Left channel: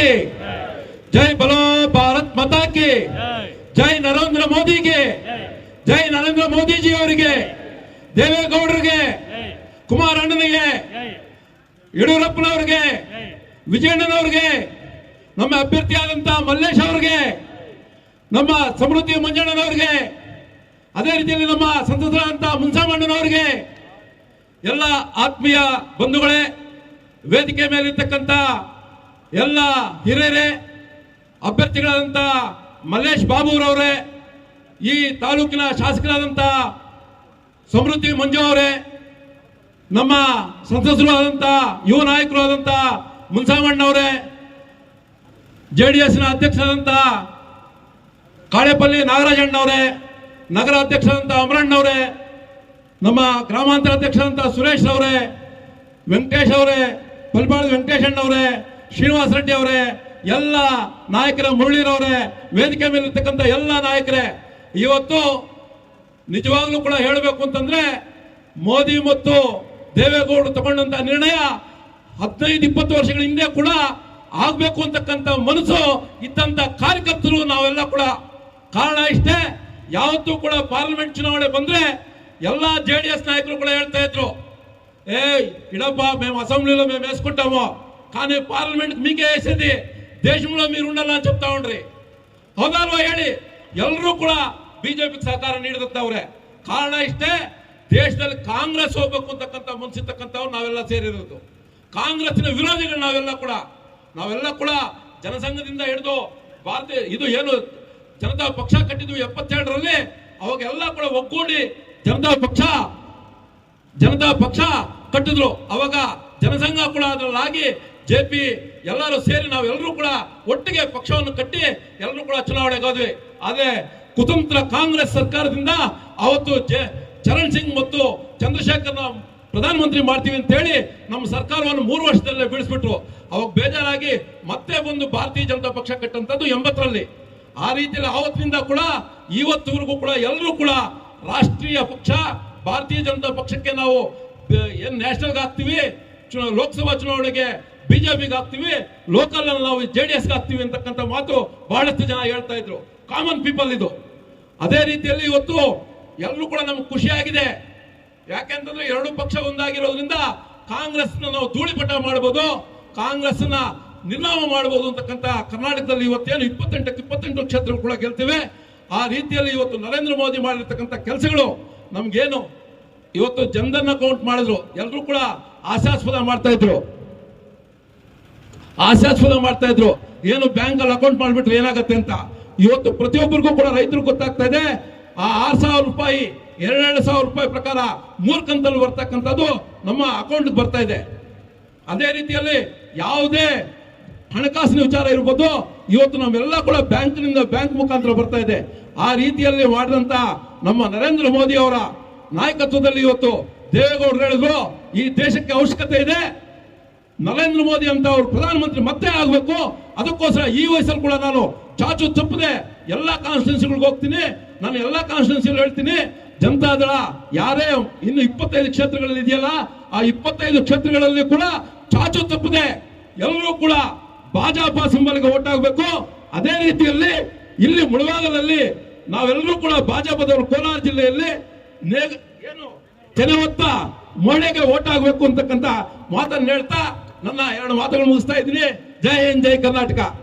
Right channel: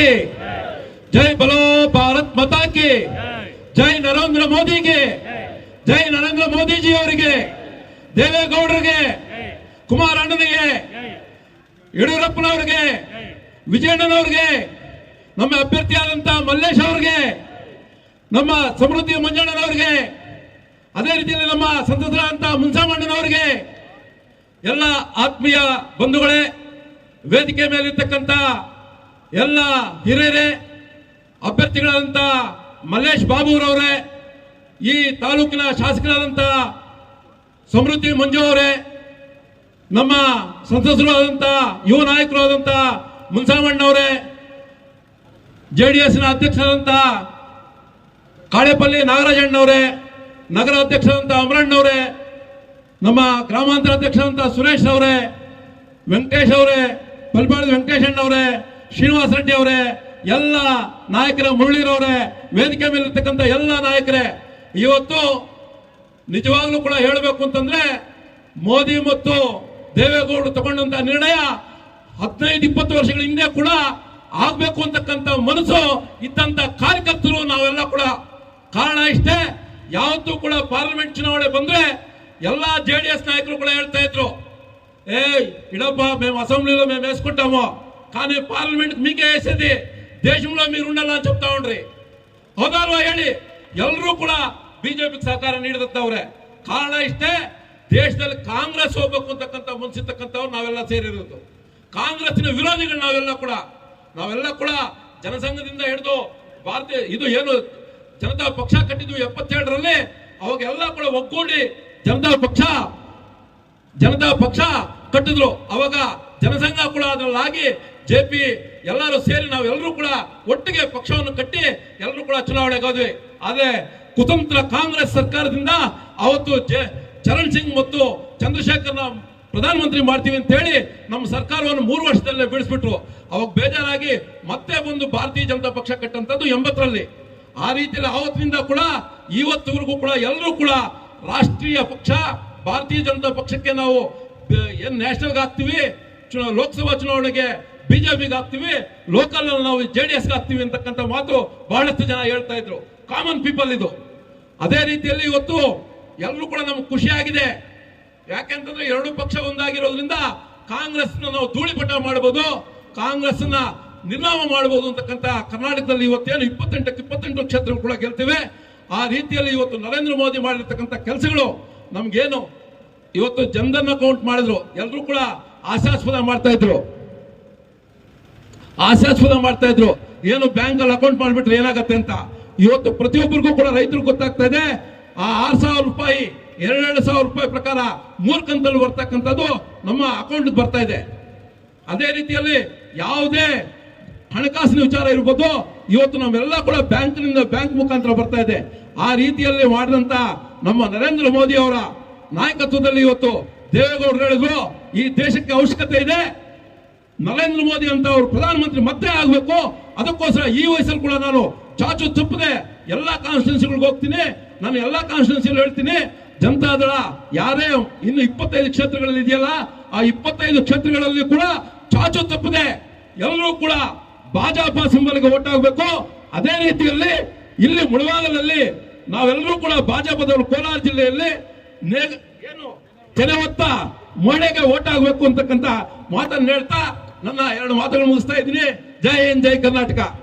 की जय बोलो भारत माता की ಜೈ ನರೇಂದ್ರ ಮೋದಿಗೆ ಜೈ ನರೇಂದ್ರ ಮೋದಿಜಿ ಅವರಿಗೆ ದೇವೇಗೌಡರಿಗೆ ಕುಮಾರ ಅಣ್ಣನಿಗೆ ಯಡಿಯೂರಪ್ಪನವರಿಗೆ ವಿಜಯಣ್ಣನವರಿಗೆ ನಮ್ಮ ಅಭ್ಯರ್ಥಿಯಾದಂತ ಮಲ್ಲೇಶ್ ಅವರಿಗೆ ನಮ್ಮ ಸಮೃದ್ಧಿ ಮಂಜಣ್ಣನವರಿಗೆ ಅದೇ ರೀತಿಯಲ್ಲಿ ನಮ್ಮ ಸಂಸದರಾದಂತ ಮುನ್ಸಾಮಣ್ಣನವರಿಗೆ ಎಲ್ಲ ಆತ್ಮೀಯ ಬಂಧುಗಳೇ ವೇದಿಕೆ ಮೇಲಿರ್ತಕ್ಕಂಥ ಎಲ್ಲ ಹಿರಿಯರೇ ಅಭ್ಯರ್ಥಿಗಳಾದಂಥ ಮಲ್ಲೇಶ್ ಬಾಬುರವರೇ, ಈ ತಾಲೂಕಿನ ಶಾಸಕರಾದಂಥ ಸಮೃದ್ಧಿ ಮಂಜು ಅವರೇ, ನಮ್ಮ ಸಂಸದರು ಆದಂಥ ಯುವ ನಾಯಕರು ಆದಂಥ ಮುನ್ಸಾಮಣ್ಣವರೇ ಜೆ ಡಿ ಎಸ್ನ ಅಧ್ಯಕ್ಷರಾದಂಥ ಕಾಳೇಪಲ್ಲಿ ನಾಗರಾಜಣ್ಣವರೇ ನಗರ ಅಧ್ಯಕ್ಷರಾದಂಥ ಅಮರಣ್ಣವರೇ, ನಮ್ಮ ಗ್ರಾಮಾಂತರ ಅಧ್ಯಕ್ಷರಾದಂಥ ಸುರೇಶ್ ಅವರೇ, ವೆಂಕಟೇಶ್ ಅವರೇ ಪಲ್ಪಾಳದ ವೆಂಕಟೇಶ್ ಅಣ್ಣವರೇ ಶ್ರೀನಿವಾಸ ರೆಡ್ಡಿ ಅವರೇ ಎಲ್ಲ ನಾಯಕರ ಮುರಳಿರವರೇ ವೇದಿಕೆ ಮೇಲೆ ಇರ್ತಕ್ಕಂಥ ಎಲ್ಲ ನಾಯಕರೇ ಇವತ್ತು ನಿಜವಾಗ್ಲೂ ಕೂಡ ಹೇಳಬೇಕು ಅಂತಂದ್ರೆ ಮೋದಿ ಮತ್ತು ದೇವೇಗೌಡರು ತಗೊಂಡಂತ ನಿರ್ಣಯ ಹದಿನೈದು ಇಪ್ಪತ್ತು ವರ್ಷಗಳ ಹಿಂದೆ ಕೂಡ ಆಗ್ಬೇಕು ಅಂತಕ್ಕಂಥ ಮನಸ್ಸು ಇದ್ದಂತ ಕಾರ್ಯಕರ್ತರು ನಾವೆಲ್ಲ ಕೂಡ ಕಾರಣ ಇಷ್ಟೇ ಯಾವತ್ತೂ ಕೂಡ ಪಾರ್ಲಿಮೆಂಟ್ ಚುನಾವಣೆ ಬಂದ್ರೆ ಎಲ್ಲಾ ಜೆ ಡಿ ಎಸ್ ನಾಯಕರು ಕೂಡ ಹೇಳ್ತಾ ಇದ್ರು ఏ ఇడబ్బా మేము అసెంబ్లీలో మేము వేసుకుంటాము కానీ పార్లమెంట్ మీకే వేసేది దేశంలో మీరు ఉండాలని చెప్తా ఉండ్రి హోదాలో ಹೇಳಿ? ಎಲ್ಲರೂ ಕೂಡ ಬಿಜೆಪಿಗೆ ಸಹಕಾರ ನೀಡಿದವ್ರೆ ಕಾರಣ ಇಷ್ಟೇ, ದೇಶದಲ್ಲಿ ಕಾಂಗ್ರೆಸ್ ಹೋಗ್ಬೇಕು ಅಂತಕ್ಕಂಥ ಮನಸ್ಸಿರ್ತಕ್ಕಂಥವ್ರು ನಾವೆಲ್ಲ ಸೇರಿರೋದು. ಕಾಂಗ್ರೆಸ್ನ ವಿರೋಧಿಗಳು ನಾವೆಲ್ಲ ಕೂಡ. ನಾವೆಲ್ಲ ಕೂಡ ಜನಸಂಘದಿಂದ ಹಿಡಿದು ಭಾರತೀಯ, ಇದು ಏನು, ಜನತಾ ಪಕ್ಷ ಕಟ್ಟಿದ್ವು ಎಪ್ಪತ್ತೆರಡರಲ್ಲಿ ಅವಾಗೆಲ್ಲ ಕೂಡ ಒಗ್ಗೂಡಿ ಜನತಾ ಪಕ್ಷ ಜನತಾ ಪಕ್ಷ ಕಟ್ಟಿದ್ರು. ಅವಾಗ ಜನಸಂಘ ಕೂಡ ಅದರಲ್ಲಾಗಿ ಜೆ ಪಿ ಎಲ್ಲರೂ ಸೇರಿ ನಾವೆಲ್ಲರೂ ಕೂಡ ಒಟ್ಟಿಗೆ ಪಕ್ಷವನ್ನು ಕಟ್ಟಿ ಎಲ್ಲರೂ ಕೂಡ ಚುನಾವಣೆಗೆ ಹೋದ್ವಿ. ಆದ್ರೆ ಕುತಂತ್ರ ಕಾಂಗ್ರೆಸ್ ಸರ್ಕಾರದಿಂದ ಅವತ್ತು ಚರಣ್ ಸಿಂಗ್ ಮತ್ತು ಚಂದ್ರಶೇಖರ್ನ ಪ್ರಧಾನಮಂತ್ರಿ ಮಾಡ್ತೀವಿ ಅಂತ ಹೇಳಿ ನಮ್ಮ ಸರ್ಕಾರವನ್ನು ಮೂರು ವರ್ಷದಲ್ಲೇ ಬೀಳಿಸ್ಬಿಟ್ರು. ಅವಾಗ ಬೇಜಾರಾಗಿ ಮತ್ತೆ ಬಂದು ಭಾರತೀಯ ಜನತಾ ಪಕ್ಷ ಕಟ್ಟಂತದ್ದು ಎಂಬತ್ತರಲ್ಲಿ. ಆ ರೀತಿಯಲ್ಲಿ ಆವತ್ತಿನಿಂದ ಕೂಡ ಇವತ್ತಿವರೆಗೂ ಕೂಡ ಎಲ್ಲರೂ ಕೂಡ ರಾಷ್ಟ್ರೀಯ ಪಕ್ಷ, ಭಾರತೀಯ ಜನತಾ ಪಕ್ಷಕ್ಕೆ ನಾವು ಏನು ನ್ಯಾಷನಲ್ಗೆ ಹಾಕ್ತೀವಿ? ಲೋಕಸಭಾ ಚುನಾವಣೆಗೆ ಬಿಜೆಪಿಗೆ ಹಾಕ್ತಿವಿ ಲೋಕಲ್ ನಾವು ಜೆ ಡಿ ಎಸ್ಗೆ ಹಾಕ್ತಿವಿ ಅಂತಕ್ಕಂಥ ಮಾತು ಬಹಳಷ್ಟು ಜನ ಹೇಳ್ತಾ ಇದ್ರು. ಕಾಮನ್ ಪೀಪಲ್ ಇದು. ಅದೇ ರೀತಿಯಲ್ಲಿ ಇವತ್ತು ಎಲ್ಲರೂ ಕೂಡ ನಮ್ಗೆ ಖುಷಿಯಾಗಿದೆ ಯಾಕೆಂತಂದ್ರೆ ಎರಡು ಪಕ್ಷ ಒಂದಾಗಿರೋದ್ರಿಂದ ಕಾಂಗ್ರೆಸ್ ನಾವು ಧೂಳಿಪಟ ಮಾಡಬಹುದು ಕಾಂಗ್ರೆಸ್ನ ನಿರ್ನಾಮ ಮಾಡಬಹುದು ಅಂತಕ್ಕಂಥ ಕರ್ನಾಟಕದಲ್ಲಿ ಇವತ್ತೇನು ಇಪ್ಪತ್ತೆಂಟಕ್ಕೆ ಇಪ್ಪತ್ತೆಂಟು ಕ್ಷೇತ್ರ ಕೂಡ ಗೆಲ್ತೇವೆ. ಆ ರೀತಿಯಲ್ಲಿ ಇವತ್ತು ನರೇಂದ್ರ ಮೋದಿ ಮಾಡಿರ್ತಕ್ಕಂಥ ಕೆಲಸಗಳು ನಮ್ಗೇನು, ಇವತ್ತು ಜನಧನ್ ಅಕೌಂಟ್ ಮಾಡಿದ್ರು. ಎಲ್ಲರೂ ಕೂಡ ಆಶಾಸ್ಪದ ಮಾಡ್ತಾ ಇದ್ರು. ಆಶಾಸ್ಪದ ಮಾಡ್ತಾ ಇದ್ರು. ಏನು ಬ್ಯಾಂಕ್ ಅಲ್ಲಿ ಅಕೌಂಟ್ ಮಾಡಿಬಿಟ್ರೆ ಏನಾಗತ್ತೆ ಅಂತ? ಇವತ್ತು ಪ್ರತಿಯೊಬ್ಬರಿಗೂ ಕೂಡ ರೈತರು ಗೊತ್ತಾಗ್ತಾ ಇದೆ. ಆ ಆರ್ ಸಾವಿರ ರೂಪಾಯಿ, ಎರಡೆರಡು ಸಾವಿರ ರೂಪಾಯಿ ಪ್ರಕಾರ ಮೂರು ಕಂತಲ್ಲಿ ಬರ್ತಕ್ಕಂಥದ್ದು ನಮ್ಮ ಅಕೌಂಟ್ ಬರ್ತಾ ಇದೆ. ಅದೇ ರೀತಿಯಲ್ಲಿ ಯಾವುದೇ ಹಣಕಾಸಿನ ವಿಚಾರ ಇರ್ಬೋದು, ಇವತ್ತು ನಮ್ಮೆಲ್ಲ ಕೂಡ ಬ್ಯಾಂಕ್ನಿಂದ ಬ್ಯಾಂಕ್ ಮುಖಾಂತರ ಬರ್ತಾ ಇದೆ. ಆ ರೀತಿಯಲ್ಲಿ ಮಾಡಿದಂತ ನಮ್ಮ ನರೇಂದ್ರ ಮೋದಿ ಅವರ ನಾಯಕತ್ವದಲ್ಲಿ ಇವತ್ತು ದೇವೇಗೌಡರು ಹೇಳಿದ್ರು, ಈ ದೇಶಕ್ಕೆ ಅವಶ್ಯಕತೆ ಇದೆ ನರೇಂದ್ರ ಮೋದಿ ಅಂತ ಅವರು ಪ್ರಧಾನಮಂತ್ರಿ ಮತ್ತೆ ಆಗಬೇಕು. ಅದಕ್ಕೋಸ್ಕರ ಈ ವಯಸ್ಸಲ್ಲಿ ಕೂಡ ನಾನು ಚಾಚು ತಪ್ಪದೆ ಎಲ್ಲಾ ಕಾನ್ಸ್ಟಿಟ್ಯೂನ್ಸಿಗಳಿಗೆ ಹೋಗ್ತೀನಿ. ನಾನು ಎಲ್ಲಾ ಕಾನ್ಸ್ಟಿಟ್ಯೂನ್ಸಿ ಹೇಳ್ತೀನಿ. ಜನತಾದಳ ಯಾರೇ ಇನ್ನು ಇಪ್ಪತ್ತೈದು ಕ್ಷೇತ್ರಗಳಲ್ಲಿ ಇದೆಯಲ್ಲ, ಆ ಇಪ್ಪತ್ತೈದು ಕ್ಷೇತ್ರಗಳಲ್ಲಿ ಕೂಡ ಚಾಚು ತಪ್ಪದೆ ಎಲ್ಲರೂ ಕೂಡ ಭಾಜಪ ಸಿಂಬಲ್ಗೆ ಓಟ್ ಆಗಬೇಕು ಅದೇ ರೀತಿಯಲ್ಲಿ ಇಲ್ಲಿ ಮುಳಬಾಗಲಲ್ಲಿ ನಾವೆಲ್ಲರೂ ಕೂಡ ಭಾಜಪದವರು ಕೋಲಾರ ಜಿಲ್ಲೆಯಲ್ಲಿ ಏನು? ತೆನೆ ಹೊತ್ತ ಮೋಡೆಗೆ ಓಟ್ ಆಗಬೇಕು ಅಂತಕ್ಕಂಥ ಮಾತನ್ನು ಹೇಳ್ತಾ ನನ್ನ ಎರಡು ಮಾತುಗಳು ಮುಗಿಸ್ತಾ ಇದ್ದೀನಿ. ಜೈ ಹಿಂದ್, ಜೈ ಕರ್ನಾಟಕ.